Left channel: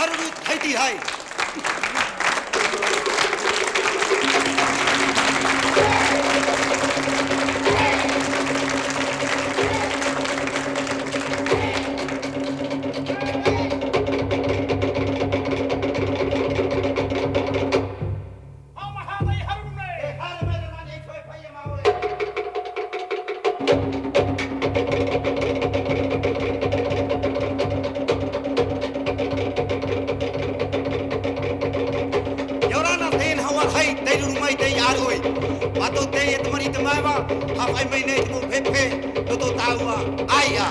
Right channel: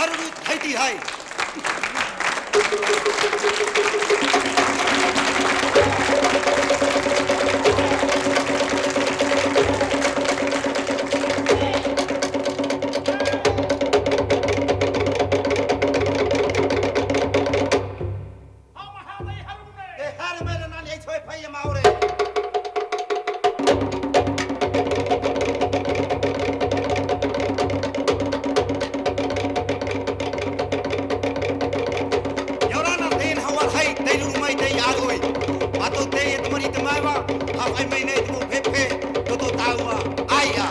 Haru thaiti hai. Mato te e tamari te maiwa, hawhai mai nei te mo pepe, toto taua, aia.